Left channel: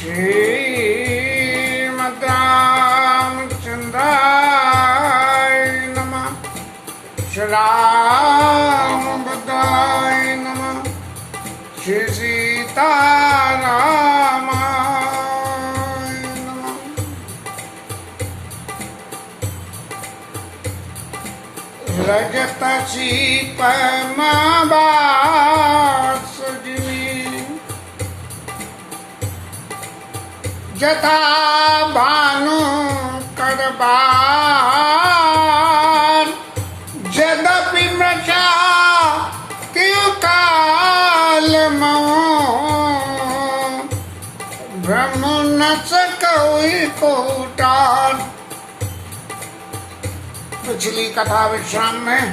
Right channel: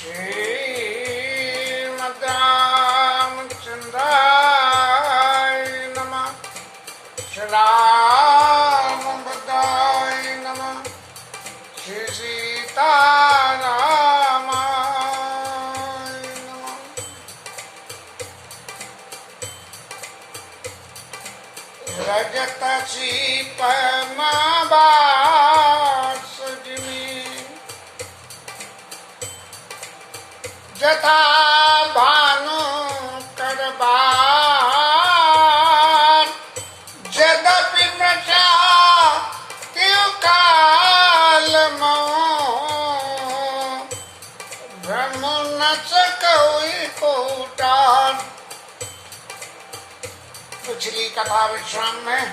श्रीमद्रामचन्द्राय नमः। श्री रामभद्राय नमः। श्री सीतारामाय नमः। रजत सीपमावासजिमी जथा भानु करबार यद्यपि मृषा कालमो ब्रह्म न सकई कोटार। पिछली कथा विश्राम में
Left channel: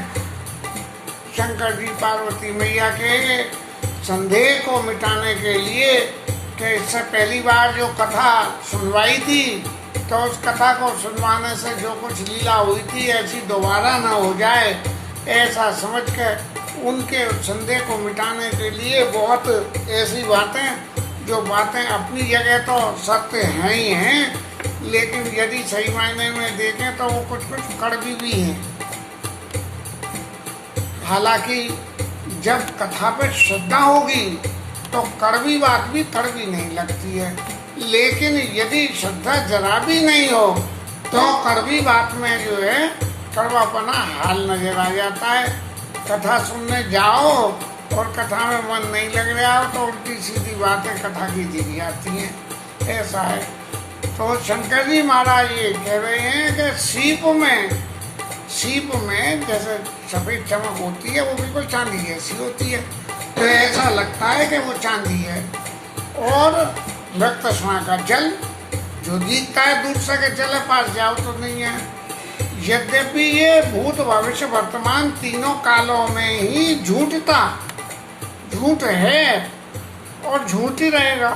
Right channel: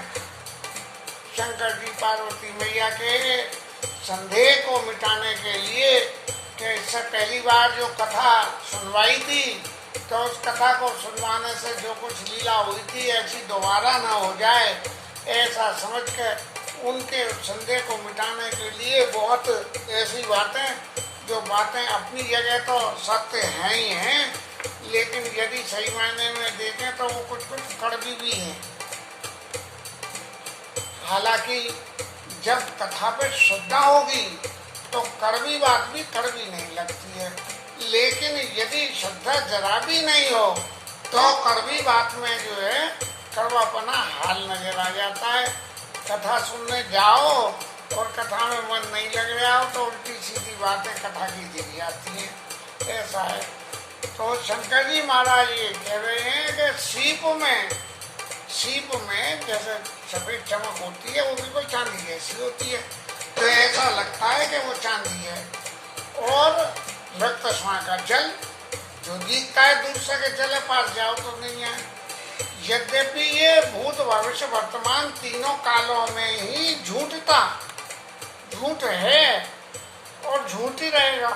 शंकर जी पार्वती मैया के संदेह को मिटाने के लिए कि इससे पहली बार जो कथा सुनवाई थी तो उस कथा को सुनवाने से जो कुछ लीला हुई थी ऐसी दोबारा न हो जाए, ऐसा समझ के उनके संदेह को मिटाने के लिए बहुत ऐसी बातें जो बातें अपनी जगह तो सत्य हैं ही हैं, लेकिन यदि सही मायने में देखें तो वो कुछ कुछ कड़वी भी हैं। हालांकि जब कथा पे श्रद्धा होगी तो कड़वी बात भी कड़वी नहीं लगती है, लेकिन यदि श्रद्धा जरा भी नहीं हो तो कड़वी बात में जो है कड़वापना हाल नजर आ जाता है। कथा सुनने जाओ और कथा में मन नहीं लग रहा हो तो उल्टी सीधी बातें कथा की दी जाती हैं, ऐसा है। तो शंकर जी महाराज ये कह रहे हैं कि सीप में जैसे सफेद चमक होती है वो बिल्कुल चांदी जैसी होती है, तो ऐसा लगता है कि वो चांदी है। और रक्तस्मा का जल जो दिखता है दूर से के जल पास जाओ तो नहीं है। यद्यपि ये भूत भविष्य वर्तमान तीनों कालों में ही झूठ है और झूठ ही रहेगा,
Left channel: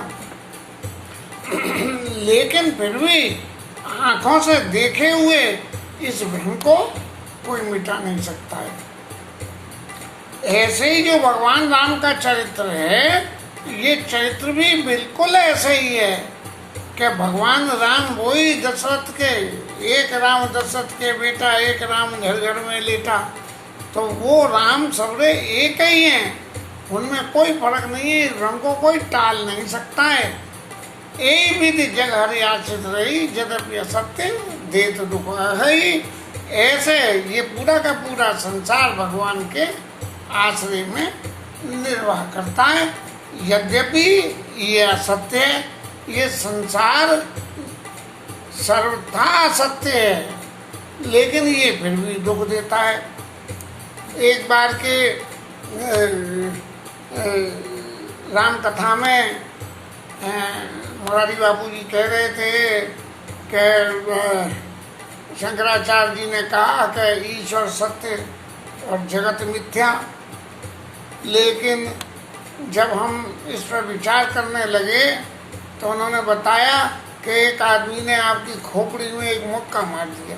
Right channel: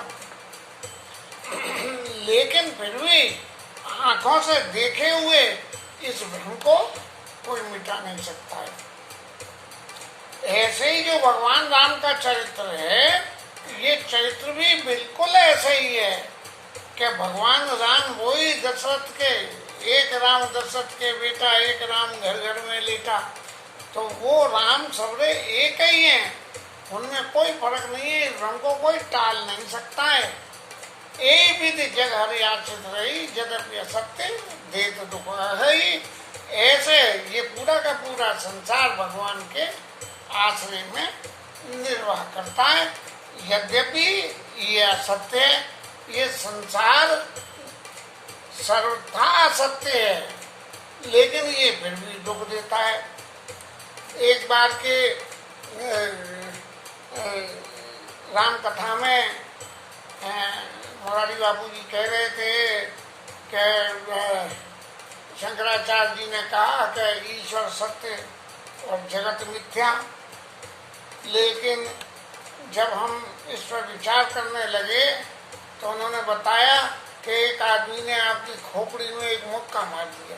लेकिन फिर भी आंखों से देखे हुए इस भ्रम को कोई मिटा नहीं सकता है। ऐसे ही जो भगवान राम का चरित्र है, ये चरित्र भी बिल्कुल ऐसे ही है कि भगवान राम वही दशरथ के, एक राम दशरथ के बेटा, एक राम घर घर में लेटा, तो वो राम सबरे एक ही हैं, उनमें कोई फर्क नहीं है। रंग को कोई टाल नहीं सकता है। एक विधि जग हरि आश्रित रही यद्यपि असत्य देत दुख है। ऐसे ये पूरा का पूरा संसार भगवान के आश्रय में निर्वाह करता है। यद्यपि ये असत्य है, ये संसार सर्वथा असत्य है, लेकिन ये फिर भी दुख देता है। एक बार के राम कथा में मुरारी बाबू जी कह रहे थे कि शंकराचार्य जी ने कहा कि ईश्वर सत्य और जगत मिथ्या, लेकिन जब हम इस पर विचार करने लगे तो उन्होंने बताया कि एक आदमी ने आपकी खोपड़ी में एक मुक्का मार दिया,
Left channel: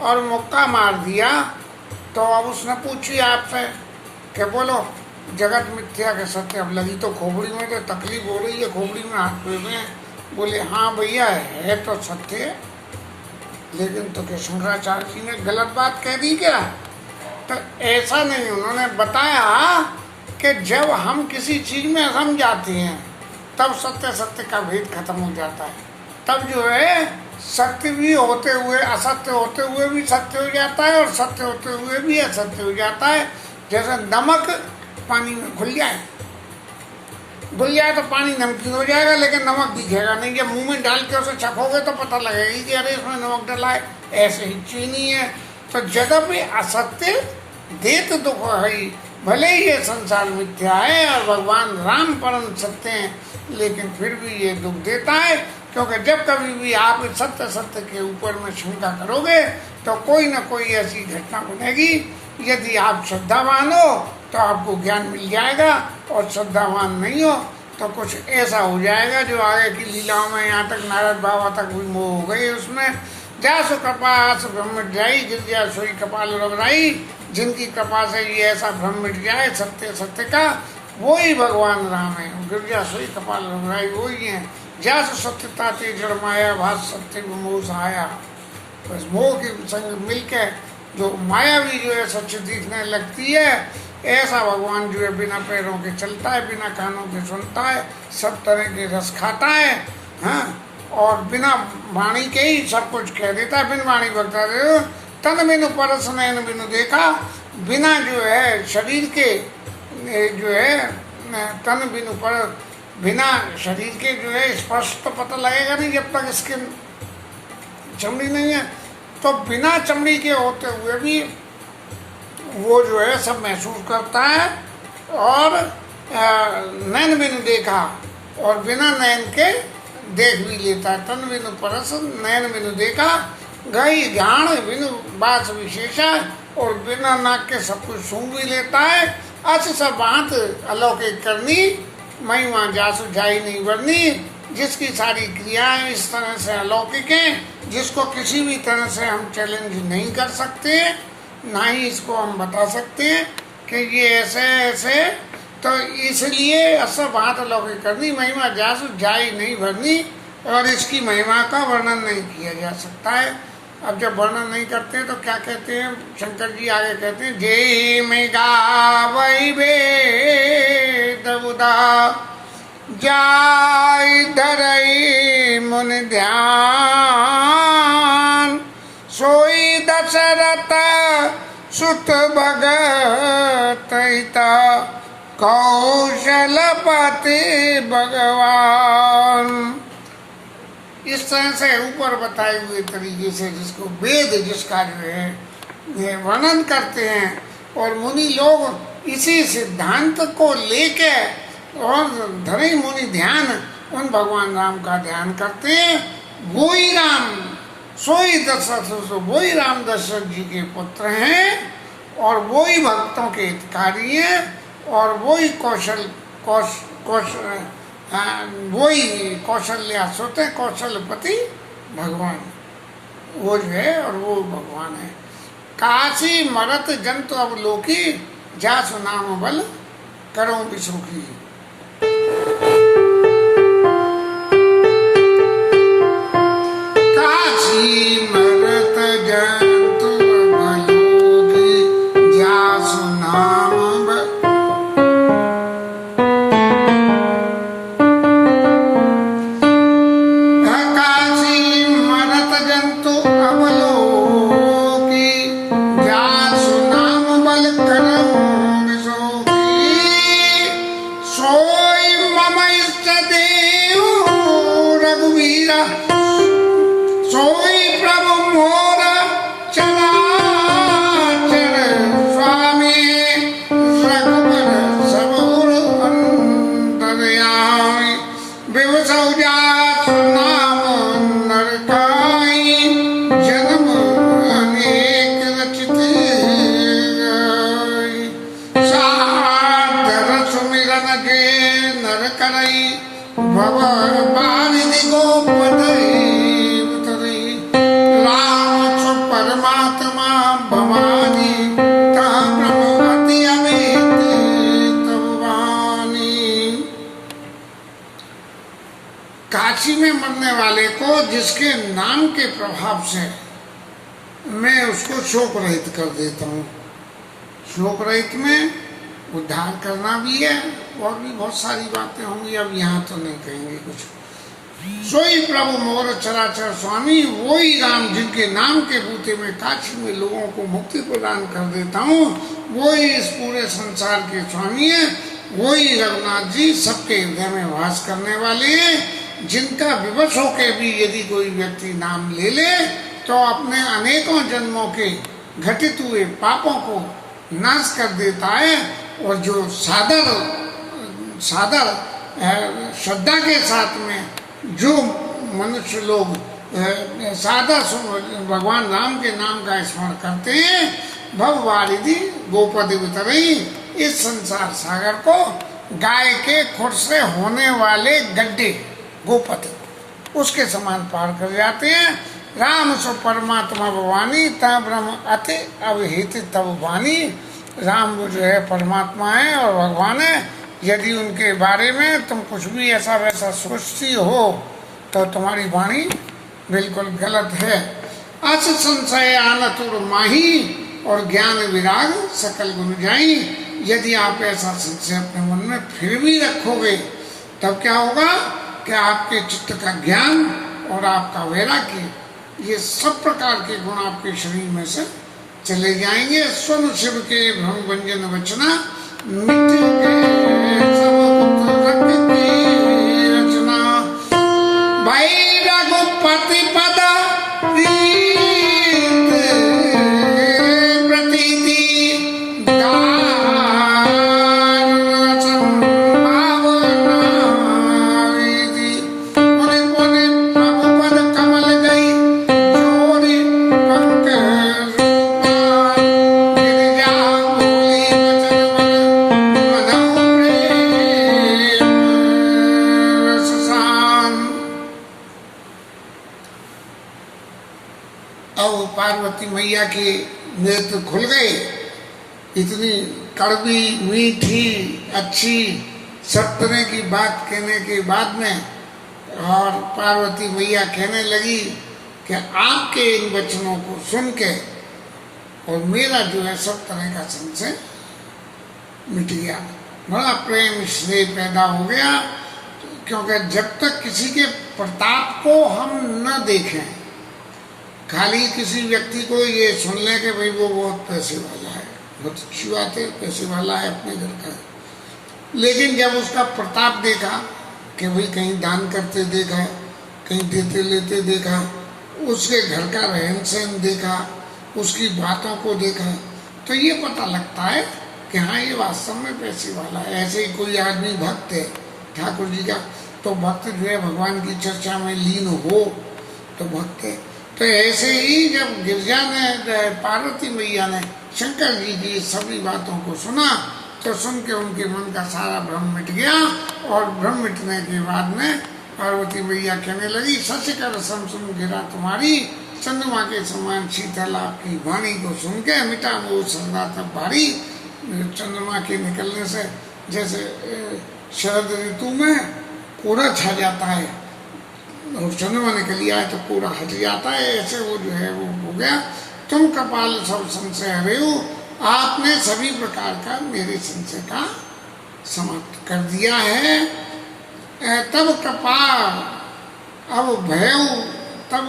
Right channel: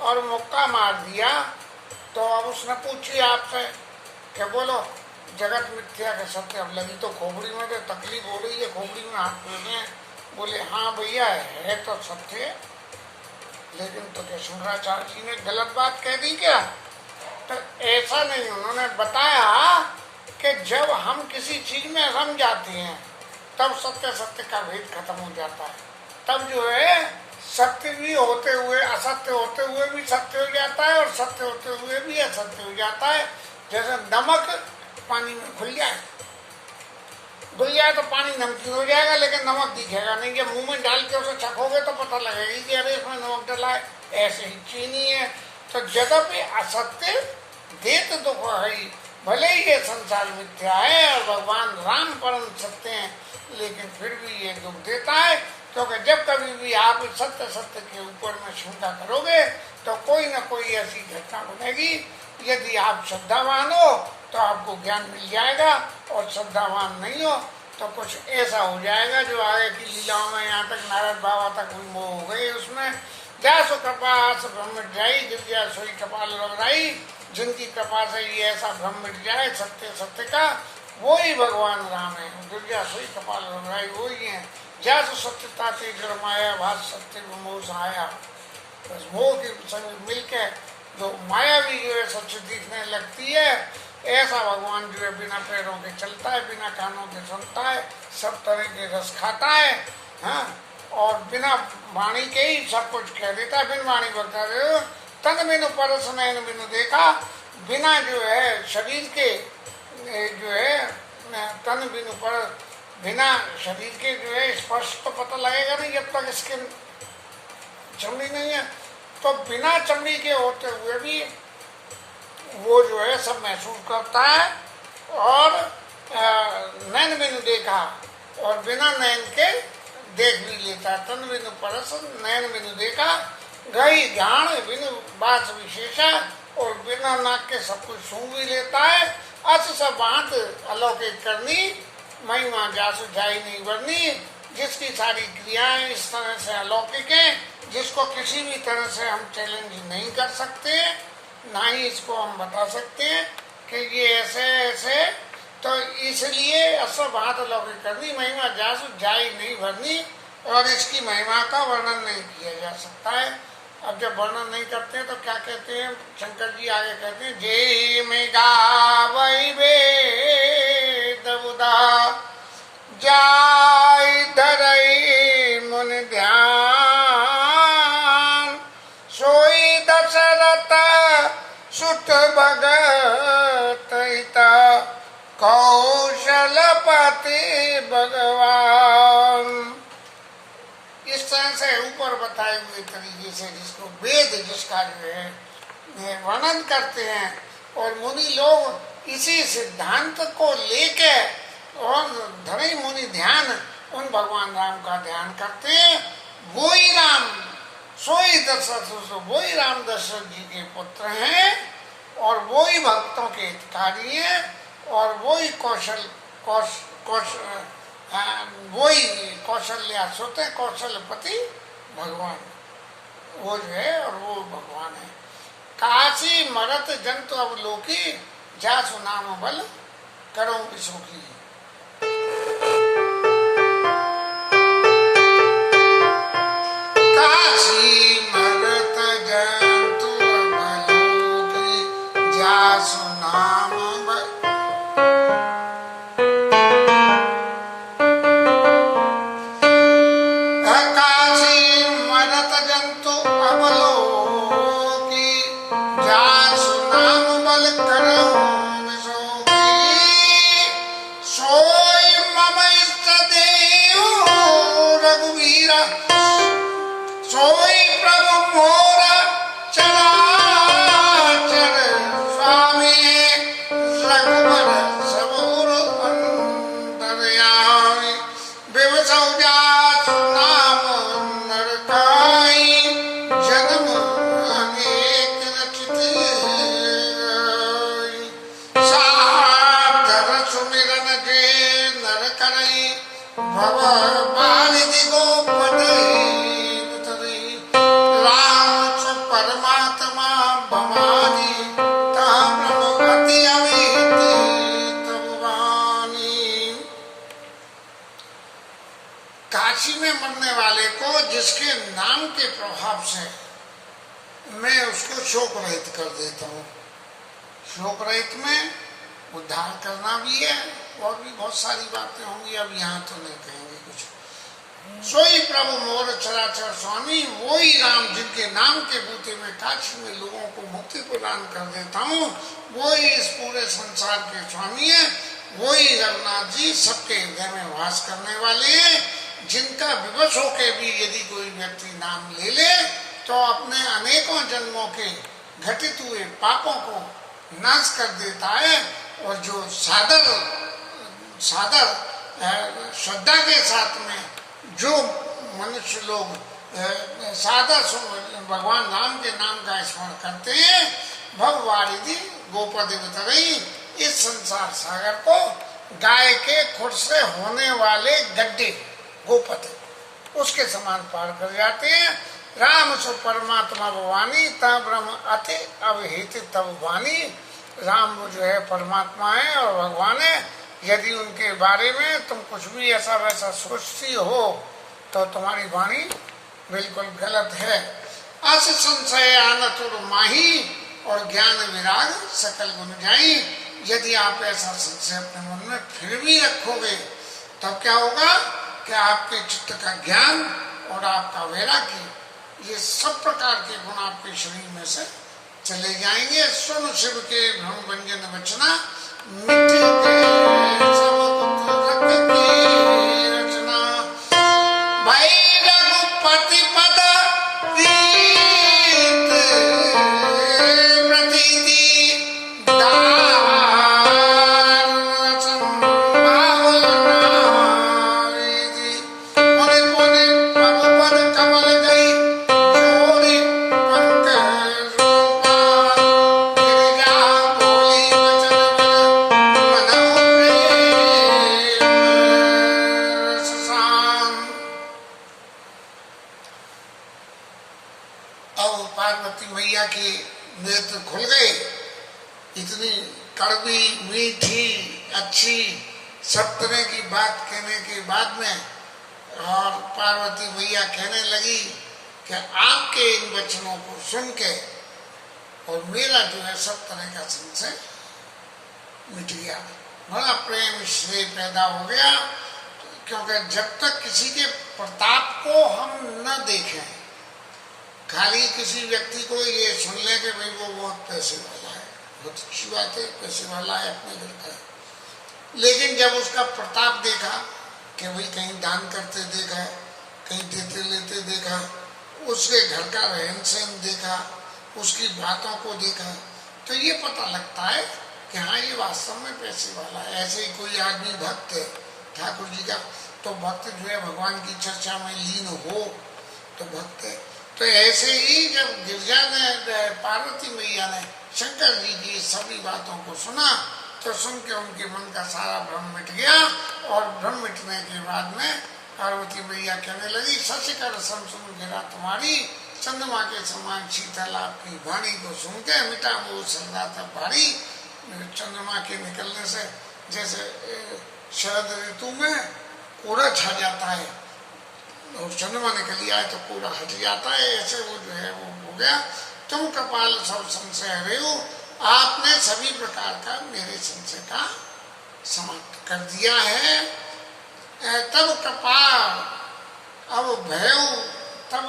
और मुक्का मार दिया तो अब उसने पूछी आपसे कि बोलो जगत मिथ्या के सत्य। अब लगी तो खोपड़ी में तो तकलीफ हो रही है, खोपड़ी में हाथ पे में। बोले हाँ भैया है तो सत्य है, लेकिन तो क्या शंकराचार्य जी ने गलत बात कह दी क्या? तो ऐसा नहीं, उन्होंने बताया कि जब हम किसी चीज में सम जाते हैं तब सत्य का भेद खत्म हो जाता है। तब जो है सत्य भी होते हुए असत्य होते हुए भी सत्य हो जाता है, और सत्य होते हुए भी असत्य हो जाता है। जैसे नमक पानी में घुल जाए तो पानी नमकीन हो जाएगा, लेकिन नमक दिखेगा नहीं। जब मुंह में डाल के उसे चखोगे तो पता लगेगा कि अरे इसमें नमक डला है। ऐसे ही चीनी है। तो यद्यपि असत्य देत दुख है, भले ही ये संसार मिथ्या है और भगवान राम परम सत्य हैं, लेकिन फिर भी ये दुख देता है, क्योंकि जब कभी भी आप सत्य के ऊपर में शंका करोगे तो कोई न कोई ऐसी घटना बनेगी। यदि आप श्रद्धावान हो तो आपको ज्ञान मिल जाएगा, और श्रद्धावान नहीं हो तो कुछ ऐसा हो जाएगा जो आगे की लीलाओं में, यहाँ तक नारद बाबा तक भी मोह हो गई उसमें। जासु कृपा आस ब्रह्म जाई, गिरजा सोई कपाल रघुराई। जिनकी कृपा से ये ऐसा भ्रम मिट जाए सत्य का, वही भगवान राम है। गिरजा सोई कपाल रघुराई वही है। जस सत्यता ते जड़ माया भात सत्य मोह आया। बस मोह के संग मिलके जो माया भी जो है सच दिखने लगती है, ऐसा भगवान जो है बिना पैरों के चलता है, बिना कानों के सुनता है, सब तरह के रस खाता है, हाँ, और बिना वाणी के ही सब कुछ कह देता है। बिन वाणी बकता है। तन बिनु परस नैन बिनु देखा, बिना जो है शरीर के जो है तन बिनु पर, बिना शरीर के जो है स्पर्श तो पता लगेगा नहीं जब तक स्किन चमड़ी नहीं है। तो बिना चमड़ी के होते हुए भी वो जो है सब महसूस करता है। और नैन बिनु देखा, और बिना नैन के देख भी लेता है। तन बिनु परस नैन बिनु देखा, गई ज्ञान बिनु बास विशेषा, और बिना नाक के सब कुछ सूंघ भी लेता है। अच सब बात अलौकिक करनी, महिमा जासु जाई नहीं वर्णी, जिसकी सारी क्रियाएं इस तरह से अलौकिक हैं, जिसको किसी भी तरह से हम चैलेंज नहीं कर सकते, ना ही इसको हम बता सकते हैं कि ये ऐसे ऐसे। तो इसलिए असर बात अलौकिक करनी, महिमा जासु जाई नहीं भरनी, और इसकी महिमा का वर्णन नहीं किया जा सकता है। अब जब वर्णन नहीं करते हैं तो क्या कहते हैं शंकर जी आगे कहते हैं, जे में गावई वेद उदा, जाय धरई मुन ध्यान, सोई दशरथ सुत भगत हिता, कौशलपति भगवान। इस तरह से ऊपर बताए हुए तरीके से जिसको वेद जिसका जो है वर्णन करते हैं, और मुनि लोग इसी सिद्धांत को लेके और धरे मुनि ध्यान उन भगवान राम का ध्यान करते हैं। वही राम सोई दशरथ, वही राम दशरथ जी के पुत्र हैं, और वही भक्तों के हितकारी हैं, और वही वही कौशल्या सुत है, कौशलपति भगवान वो जो है, और वो भगवान है। काशी मरत जंतु अवलोकी, जासु नाम बल करो विशोकी। काशी मरत जंतु अवलोकी, जासु नाम काशी में मरने वाले को जिसके नाम के प्रभाव से मैं उसको शोक रहित कर देता हूँ। शोक रहित में उद्धार करना भी है, और भी बहुत सारी बातें होंगी, अब यहाँ तो नहीं कहेंगे कुछ। सोई प्रभु मोर चराचर स्वामी, वही राम जिनके नाम के बूते में काशी में लोगों को मुक्ति प्रदान कर देता हूँ, वही इस पूरे संसार के स्वामी है। वही रघुनाथ जी सबके हृदय में वास करने वाले हैं, जिनका विवश होके भी यदि कोई व्यक्ति नाम ले ले तो अपने अनेकों जन्मों के घटित हुए पापों को नाश कर देता है। और जो सादर श्रद्धा के साथ में जो मनुष्य लोग सादर भगवान राम के नाम का स्मरण करते हैं, भववारिधि गोपद वितरई, इस संसार सागर को गाय के खुर से होने वाले गड्ढे गोपद उसके समान पार कर जाते हैं। राम सो परमात्मा भवानी, ता ब्रह्म अति अवहित तब वाणी। राम वो जो है परमात्मा है और भगवान है, यदि उनके बारे में तुम कुछ भी ऐसा वैसा सोचती हो तो तुम्हारी वाणी बिल्कुल गलत है। अस संशय आनतुर माही और ज्ञान विराग सकल गुण जाई। यदि आप ऐसा संशय अपने मन में फिर भी रखोगे तब क्या होगा कि आपके चित्त का ज्ञान और आपका वैराग्य, ये सब प्रकार के गुण आपके शरीर में से चले जाएंगे। सुन शिव के भ्रम भंजन वचना, मिट्टी के सब पुत्र की रचना। भाई रघुपति पद प्रीत प्रतीति मैया के नेत्र खुल गए। इतनी कड़वी मीठी अच्छी सब तरह की बात कहने के बाद में और पार्वती मैया कहने लगी कि आपके इन वचनों को सुन के और मेरा जो है सब तरह का संशय मिट गया, बड़ा प्रेम स्नेह पैदा हो गया। क्योंकि जब तक किसी के प्रताप को हम न देखें, खाली किसी व्यक्ति को ये सुन ले कि भाई वो बहुत पैसे वाला है, बहुत अच्छी बात है, पैसे वाला है, अपने घर का है, लेकिन जब उसका प्रताप देखा कि भाई कहीं दान करते देखा, कहीं देते लेते देखा, उसके घर का रहन सहन देखा, उसकी बातों को देखा, तो ये पता लगता है कि हाँ ये वास्तव में पैसे वाला है। ऐसे ही कोई आदमी भक्त है ठाकुर जी का, तो भक्त जो है भगवान की चर्चा में लीन हो तो भक्त है। तो ऐसे ही जब गिरजा ने, पार्वती मैया ने शंकर जी की सभी बातों को सुना तो सुन के उनके मन का सारा भ्रम मिट गया। और भ्रम मिटने के बाद में पार्वती मैया कहने लगी, शशिकर सम सुन गिरा तुम्हारी, चंद्रमा के समान शीतल आपकी वाणी को सुन के मिटा वो सरदा तब भारी। चंद्रमा के निकलने से जैसे शरद ऋतु में कोहरा छा जाता है और चंद्रमा निकल आए तो कोहरा हट जाता है, ऐसे वो जो है वो हो गया। तुम कपाल सब संशय हरे हो, आपने सभी प्रकार का मेरे संशय का समाप्त कर दिया है। तब कपाल अब भयऊ, तब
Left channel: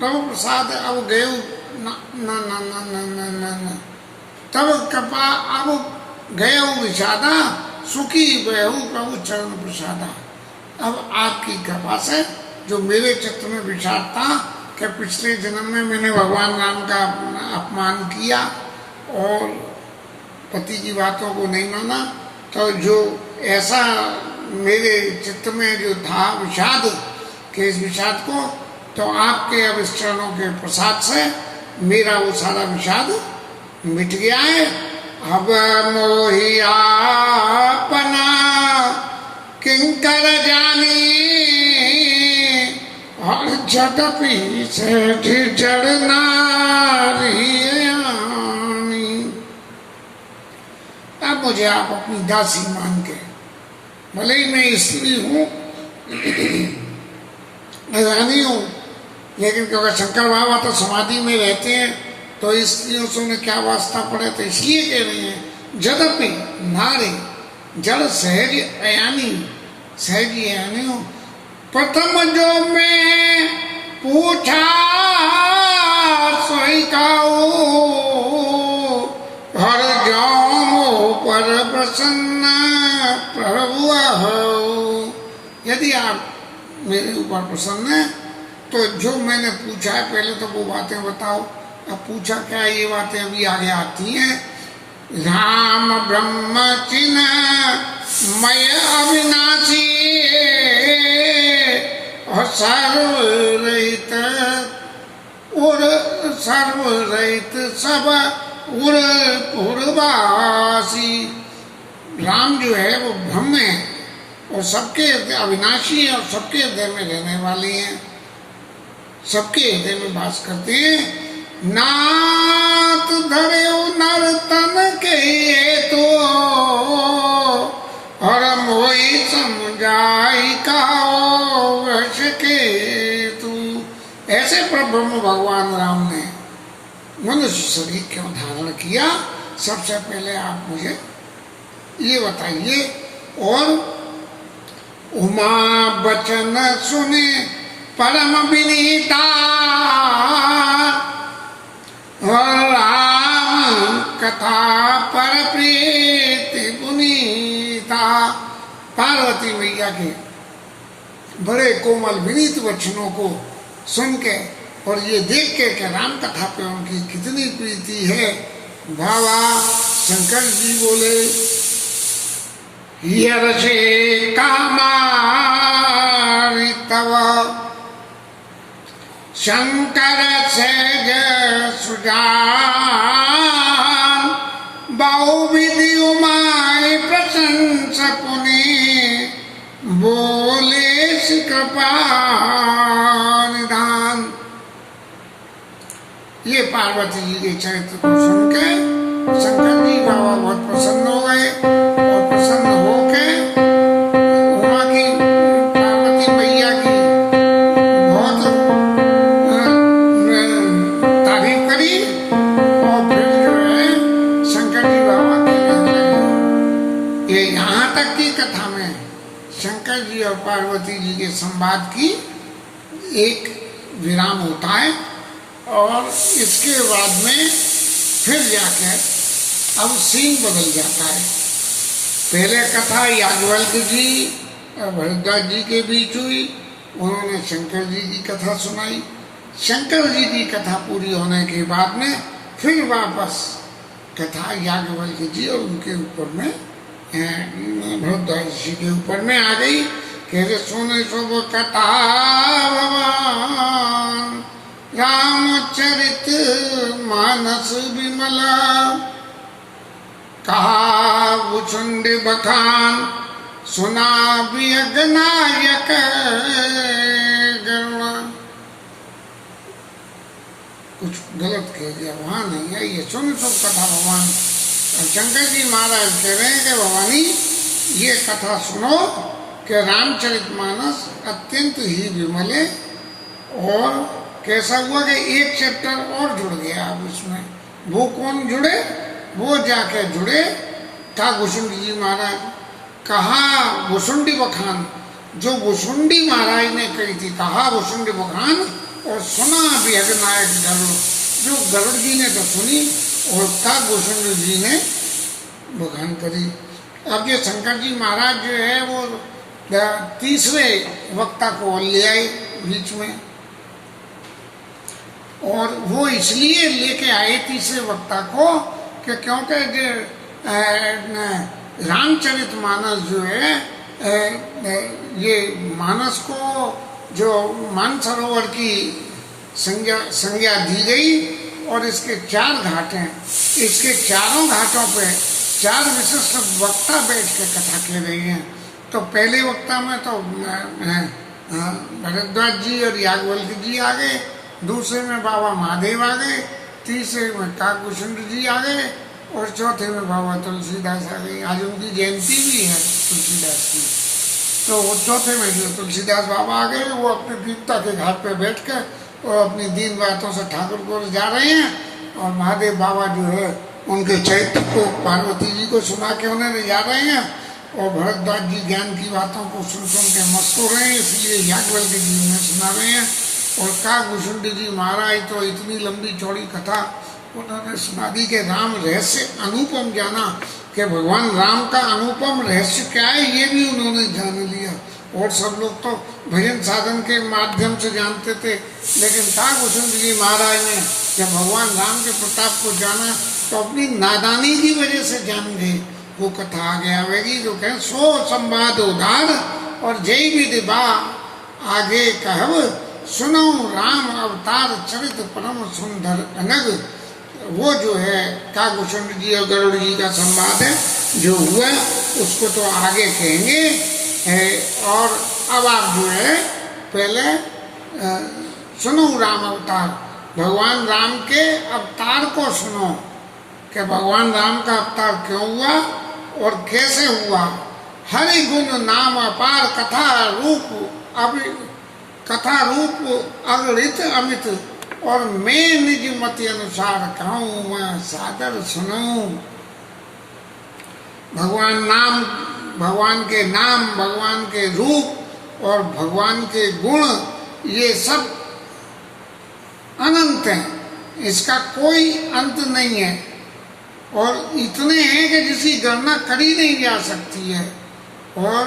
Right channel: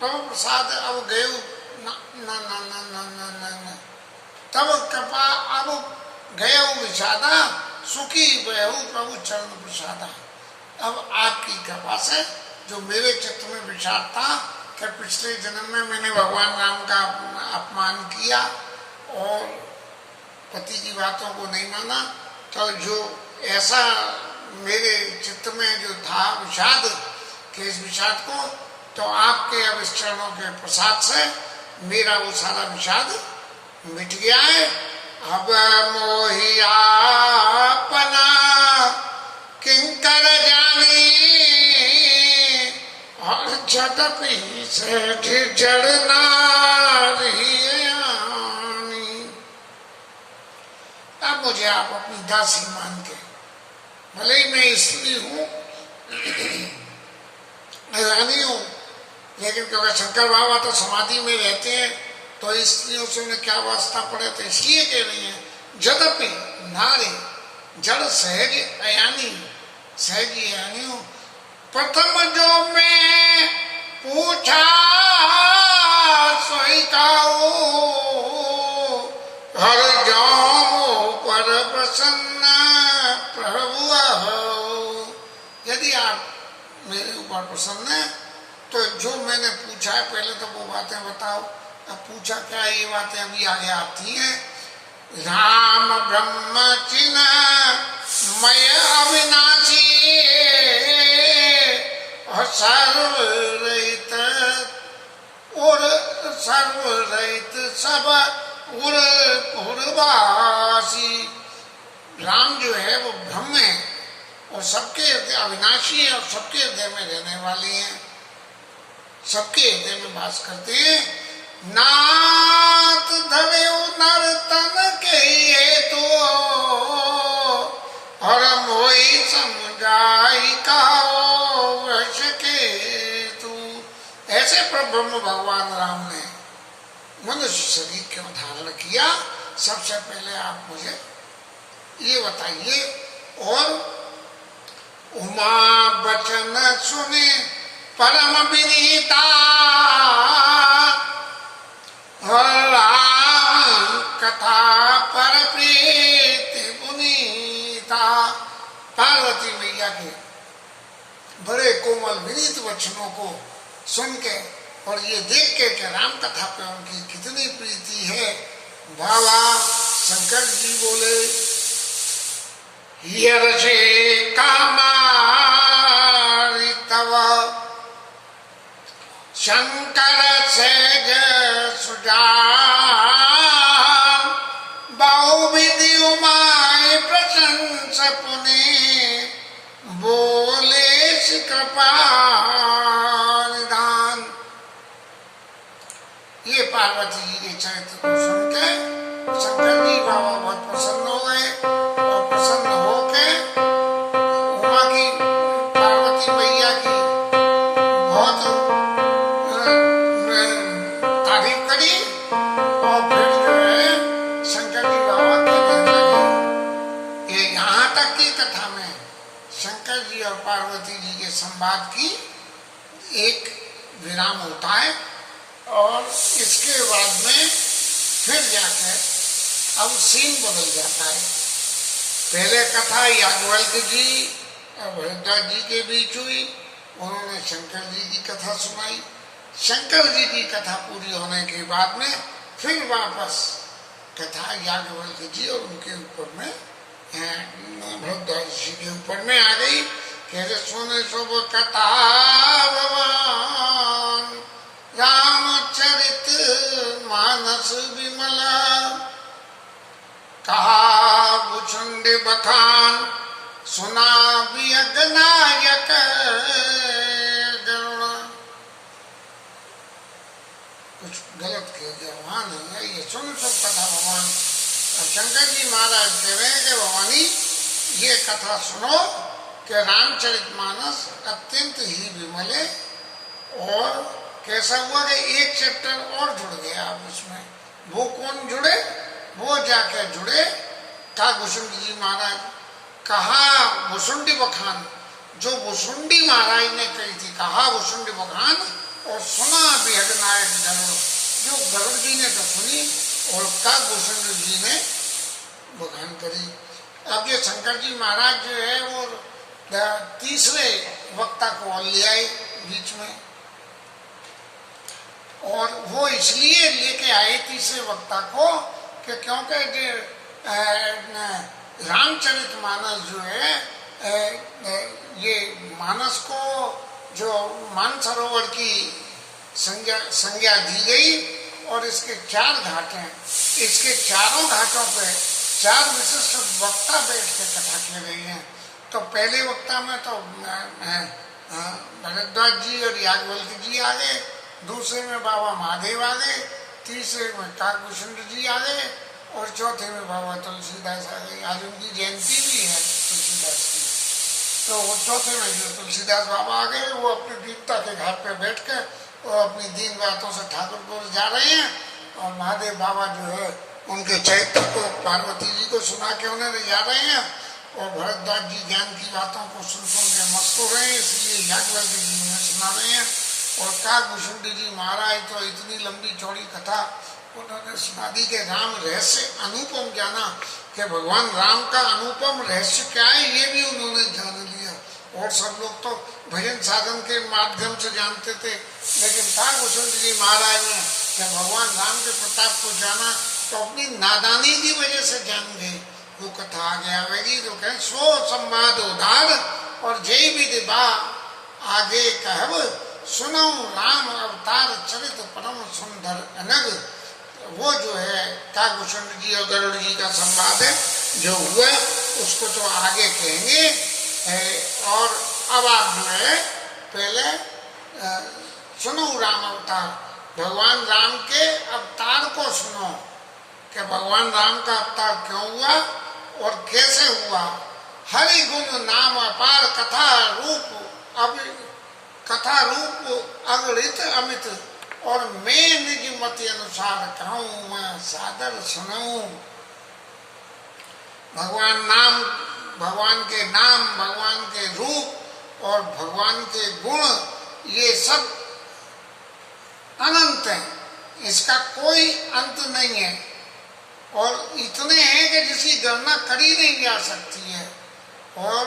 प्रसाद अब गयऊ न न न न न न न तब कृपा अब गयऊ विषादा, सुखी भयऊ प्रभु चरण प्रसादा। अब आपकी कृपा से जो मेरे चित्त में विचार था कि पिछले जन्म में मैंने भगवान राम का अपमान किया और पति की बातों को नहीं माना, तो जो ऐसा मेरे चित्त में जो था विषाद के, इस विषाद को तो आपके अब इस चरणों के प्रसाद से मेरा वो सारा विषाद मिट गया है। अब मोहि आपना किंकर जानी, और जदपि से जड़ नारी। अब मुझे आप अपनी दासी मान के, भले ही मैं स्त्री हूँ रानी हूँ, लेकिन क्योंकि शंकर बाबा तो समाधि में रहते हैं तो स्त्रियों से उन्हें क्या वास्ता पड़े, तो इसलिए कह रही है जदपि नारी जड़ सहज अयानी, सहज अयानी हूँ। प्रथम जो मैं पूछा सोई काऊ, हर जाओ पर प्रसन्न प्रभु हो। यदि आप मेरे ऊपर प्रसन्न है तो जो मैंने पूछा है पहले तो वो बातें बताओ। अब पूछा क्या, ये बातें अभी आगे आती हैं। राम ब्रह्म चिन्ह मय अविनाशी, और सर्वरहित और सर्वरहित सब उर पूर्वासी। राम जो है वो ब्रह्म है और सबके अविनाशी है और सबके हृदय में रहने वाली हैं, सबके हृदय में वास करते हैं। नाथ धरे नर तन के तो और मोई समझाई कहो वश के तू। ऐसे प्रभु भगवान राम ने मनुष्य शरीर क्यों धारण किया, सबसे पहले आप मुझे ये बताइए। और उमा बचन सुने परम विनीता, और राम कथा पर प्रीति पुनीता। पार्वती मैया के बड़े कोमल विनीत वचनों को सुन के और ये देख के कि राम कथा पे उनकी कितनी प्रीति है, बाबा शंकर जी बोले, यर्षे कामारि तव शंकर सेज सुजान, बहुविधि उमाय प्रशंस पुनि, बोले श्री कृपा निधान। ये पार्वती जी के चरित्र को सुन के शंकर जी बाबा बहुत प्रसन्न हो गए, और प्रसन्न होके उमा की, पार्वती मैया की बहुत तारीफ करी, और फिर जो है शंकर जी बाबा कहने लगे। ये यहाँ तक की कथा में शंकर जी और पार्वती जी के संवाद की एक विराम होता है, और इसके बाद में फिर जाकर अब सीन बदल जाता है। पहले कथा याज्ञवल्क्य जी और भरद्वाज जी के बीच हुई, उन्होंने शंकर जी की कथा सुनाई। शंकर जी की कथा पूरी होने के बाद में फिर वापस कथा याज्ञवल्क्य जी और उनके ऊपर में भरद्वाज जी के ऊपर में आ गई। कहते सुने शुभ कथा भगवान रामचरित मानस विमला, कहा भुचुंड बखान सुना वियज्ञनायक गरुणा। कुछ गलत कह दिया, वहां नहीं है, ये सुन सब कथा भगवान शंकर जी महाराज कह रहे हैं कि भवानी ये कथा सुनो कि रामचरितमानस अत्यंत ही विमले, और कैसा हुआ कि एक चैप्टर और जुड़ गया अब इसमें। वो कौन जुड़े, वो जाके जुड़े था भुसुंडी जी महाराज। कहा भुसुंडी बखान, जो भुसुंडी महाराज ने कही थी, कहा भुसुंडी बखान, और सुना वियज्ञनायक गरुड़, जो गरुड़ जी ने तो सुनी और का भुसुंडी जी ने बखान करी। अब ये शंकर जी महाराज जो है वो तीसरे वक्ता को ले आए बीच में, और वो इसलिए लेके आए तीसरे वक्ता को कि क्योंकि रामचरितमानस जो है ये मानस को जो मानसरोवर की संज्ञा दी गई, और इसके 4 घाट हैं। इसके चारों घाटों पे 4 विशिष्ट वक्ता बैठ के कथा कह रही हैं। तो पहले वक्ता में तो भरद्वाज जी और याज्ञवल्क्य जी आ गए, दूसरे में बाबा महादेव आ गए, तीसरे में काकभूषण जी आ गए, और चौथे में बाबा तुलसीदास आ गए। आज उनकी जयंती भी है तुलसीदास की। तो वो चौथे में जो तुलसीदास बाबा आ गए, वो अपने दीपता के घाट पे बैठ कर और अपनी दीन बातों से ठाकुर को जा रहे हैं, और महादेव बाबा जो है उनके चरित्र को पार्वती जी को सुना के उन्हें ले जा रहे हैं, और भरद्वाज जी ज्ञान की बातों को सुन सुन के मस्त हो रहे हैं, इसलिए याज्ञवल्क्य जी उन्हें सुना रहे हैं। और काकभूषण जी महाराज तो इतनी लंबी चौड़ी कथा उन्होंने सुना दी कि राम रहस्य अनुपम जाना, कि भगवान राम का अनुपम रहस्य क्या है ये भी उन्होंने जान लिया। और सब लोग तो भजन साधन के माध्यम से जानते थे, लेकिन काकभूषण जी महाराज ने जब भगवान राम के प्रताप को जाना तो अपनी नादानी की वजह से जान गए। वो कथा आगे आवेगी जो कहें सो संवाद उदार, और जय विधि बा आगे कहब, सुनो राम अवतार चरित परम सुंदर अनग। वो जो है काकभूषण जी और गरुड़ जी का संवाद है जो हुआ, उसको तो आगे कहेंगे। और अब आप जो है पहले सुनो राम अवतार, भगवान राम के अवतार को सुनो कि भगवान राम का अवतार क्यों हुआ और कैसे हुआ, हरि गुण नाम अपार कथा रूप अगणित अमित, और मैं निज मति अनुसार कहूँ मैं सादर सुनूं। भगवान के नाम, भगवान के रूप और भगवान के गुण, ये सब अनंत हैं, इसका कोई अंत नहीं है, और इतने हैं कि जिसकी गणना करी नहीं जा सकती है। और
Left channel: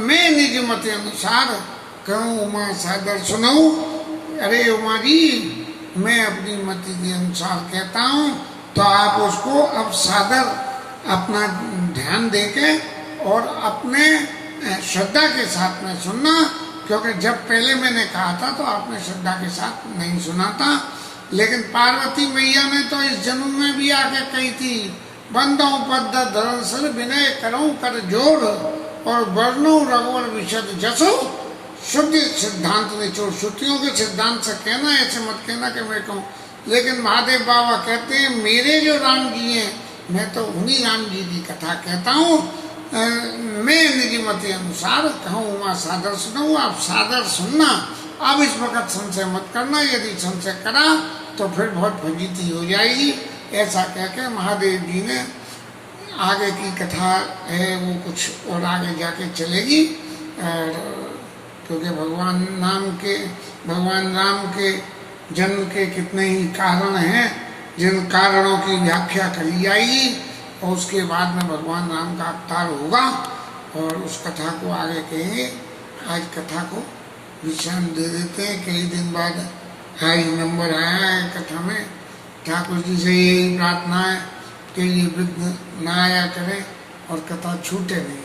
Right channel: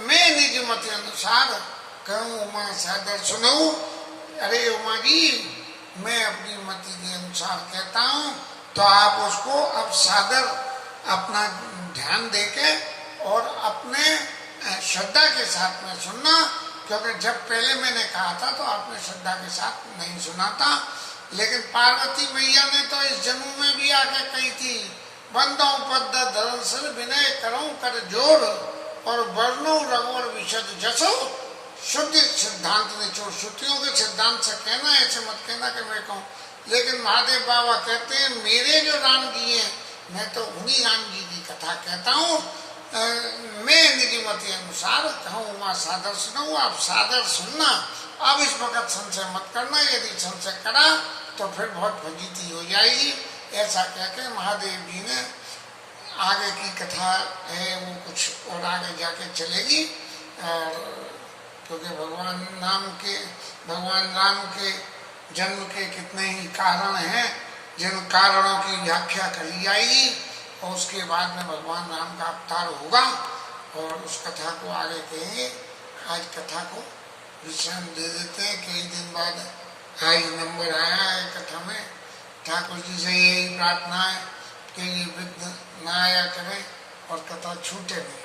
मैं निज मत अनुसार कहूँ उमा सादर सुनूं। अरे उमा जी, मैं अपनी मति के अनुसार कहता हूँ, तो आप उसको अब सादर अपना ध्यान देके और अपने श्रद्धा के साथ में सुनना, क्योंकि जब पहले मैंने कहा था तो आपने श्रद्धा के साथ नहीं सुना था। लेकिन पार्वती मैया ने तो इस जन्म में भी आके कही थी, बंदों पद दरअसल विनय करूं कर जोर, और वर्णु रघुवर विशद जसो, शुद्ध सिद्धांत निचोड़। श्रुतियों के सिद्धांत से कहना, ऐसे मत कहना कि मैं कहूँ। लेकिन महादेव बाबा कहते हैं मेरे जो राम जी हैं, मैं तो उन्हीं राम जी की कथा कहता हूँ। मैं निजी मति अनुसार कहूँ उमा सादर सुनूँ। आप सादर सुनना, अब इस वक्त संशय मत करना, यदि संशय करा तो फिर बहुत फजीती हो जाएगी। ऐसा कह के महादेव जी ने आगे की कथा है वो कुछ और आगे जाके चलेगी। और क्योंकि भगवान राम के जन्म के कितने ही कारण हैं, जिन कारणों की व्याख्या करी जाएगी, और उसके बाद में भगवान राम का अवतार होगा, और उस कथा को आगे कहेंगे। आज कथा को विश्राम दे देते हैं। कई दिन बाद हाई नंबर आया है कथा में। ठाकुर जी से यही प्रार्थना है कि ये विघ्न न आया करे और कथा छूटे नहीं।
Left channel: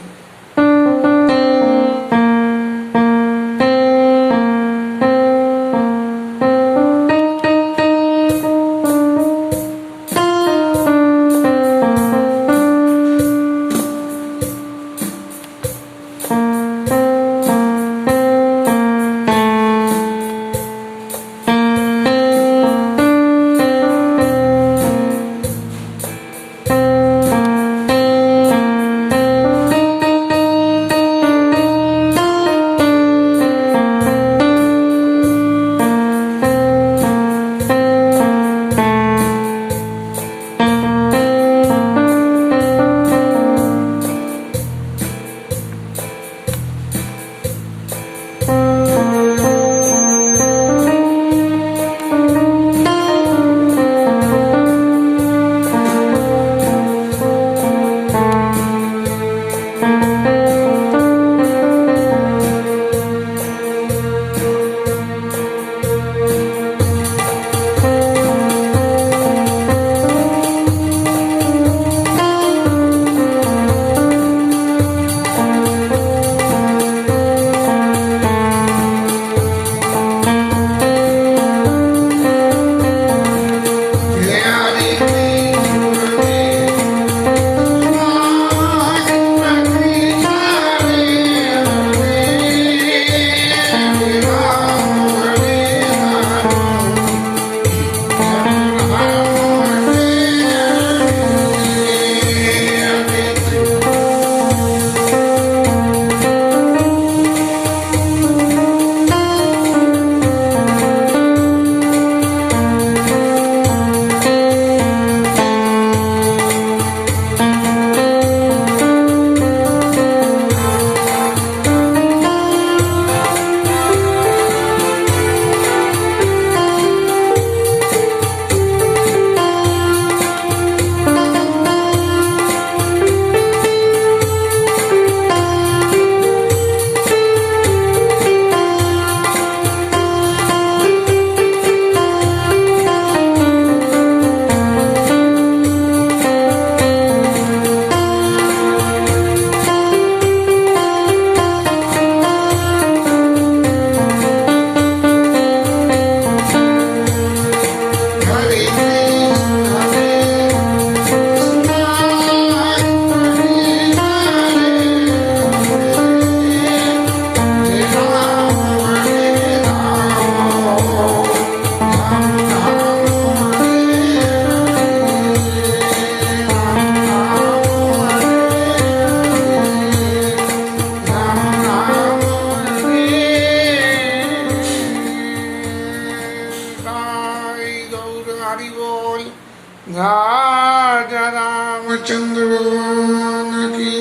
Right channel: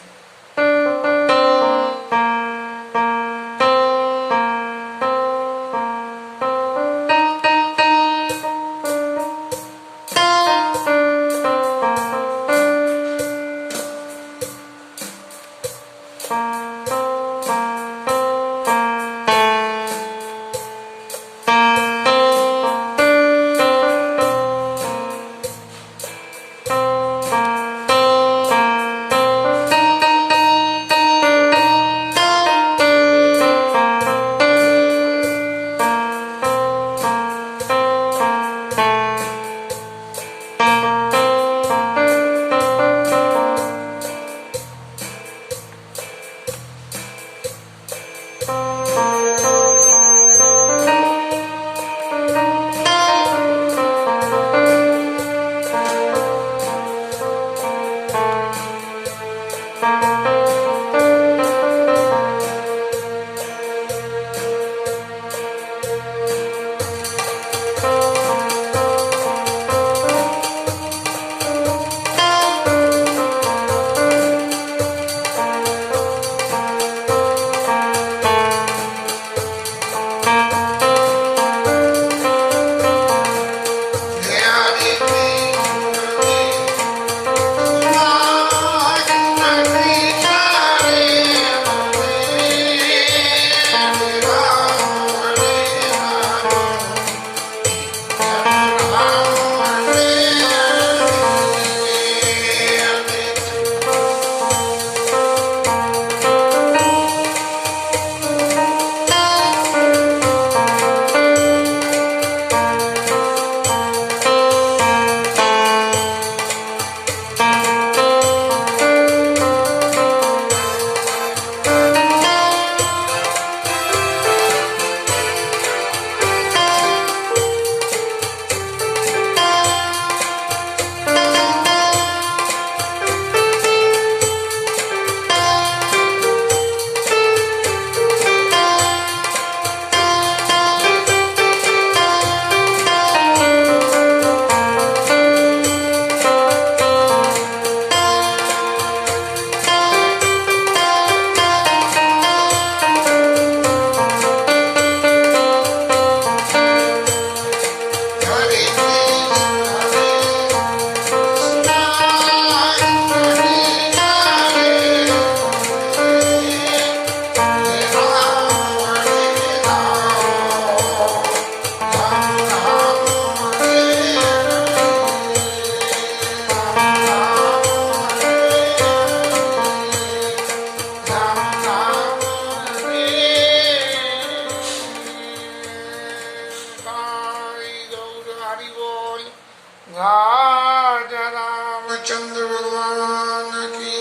राजा रामचंद्र भगवान की